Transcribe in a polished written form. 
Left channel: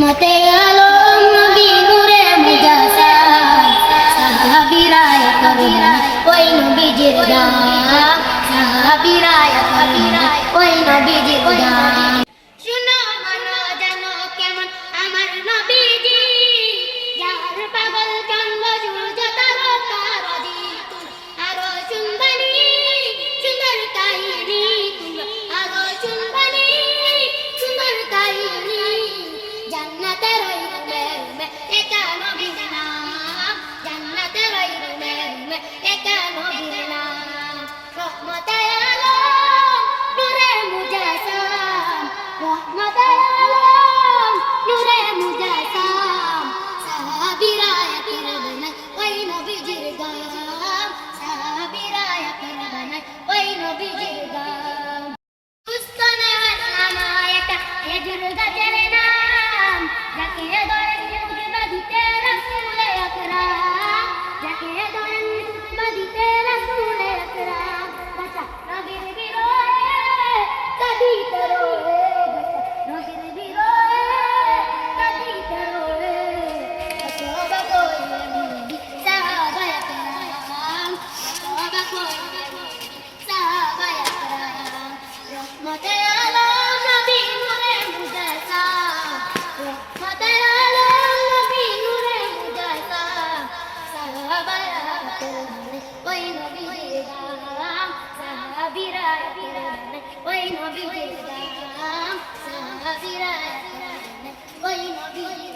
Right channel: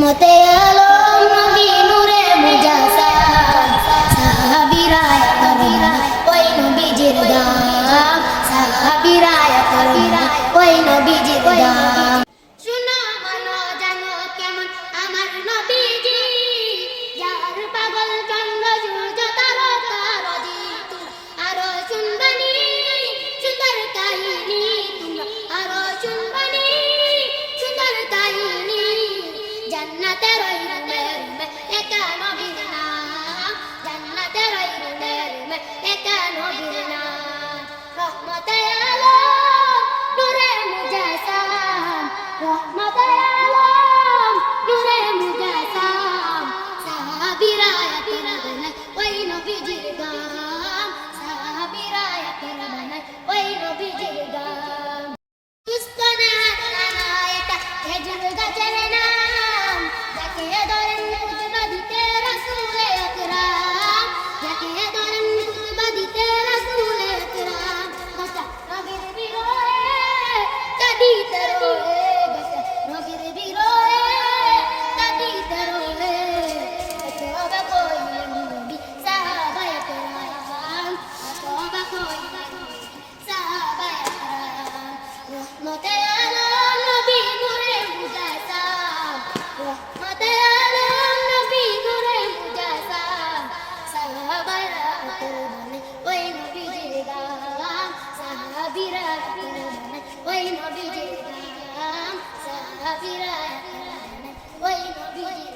মতে আলম নবী নূরে মুজাসাম সাহাবীরা করুণা ওই নবীজির দাম সাহাবীরা করুণা ওই নবীজির দাম শুনো মানো জানো কেমন আমার নবীজি যার পাগল চন্দ্র সূর্য তারকা নদী আরো শুনবানি সুন্দর কাহিনী তোমরা আরো শুনবানি সুন্দর কাহিনী জান্নাতের ওই রুমে রুমে একা নবীর নাম জান্নাতের ওই রুমে রুমে একা নবীর নাম রহমতে আলম নূরে মুজাসাম রহমতে আলম নূরে মুজাসাম সাহাবীরা করবেন ওই নবীজির গাম সাহাবীরা করবেন ওই নবীজির গাম উস্তানা আনা এটা খেজুর গাছের নাম যাকে ধরেন খুতবা দিতে রাসূলে আকরাম যাকে ধরেন খুতবা দিতে রাসূলে আকরাম গাছা নবীর বিরহে কাঁদিতে রোয়ে গাছা নবীর বিরহে কাঁদিতে রোয়ে কত অবাক হইলেন সাহাবায়ে কেরাম কত অবাক হইলেন সাহাবায়ে কেরাম রহমতে আলম নবী নূরে মুজাসাম রহমতে আলম নবী নূরে মুজাসাম সাহাবায়ে করবেন ওই নবীজির গাম সাহাবীরা করবেন ওই নবীজির গাম সাহাবীরা করবেন ওই নবীজির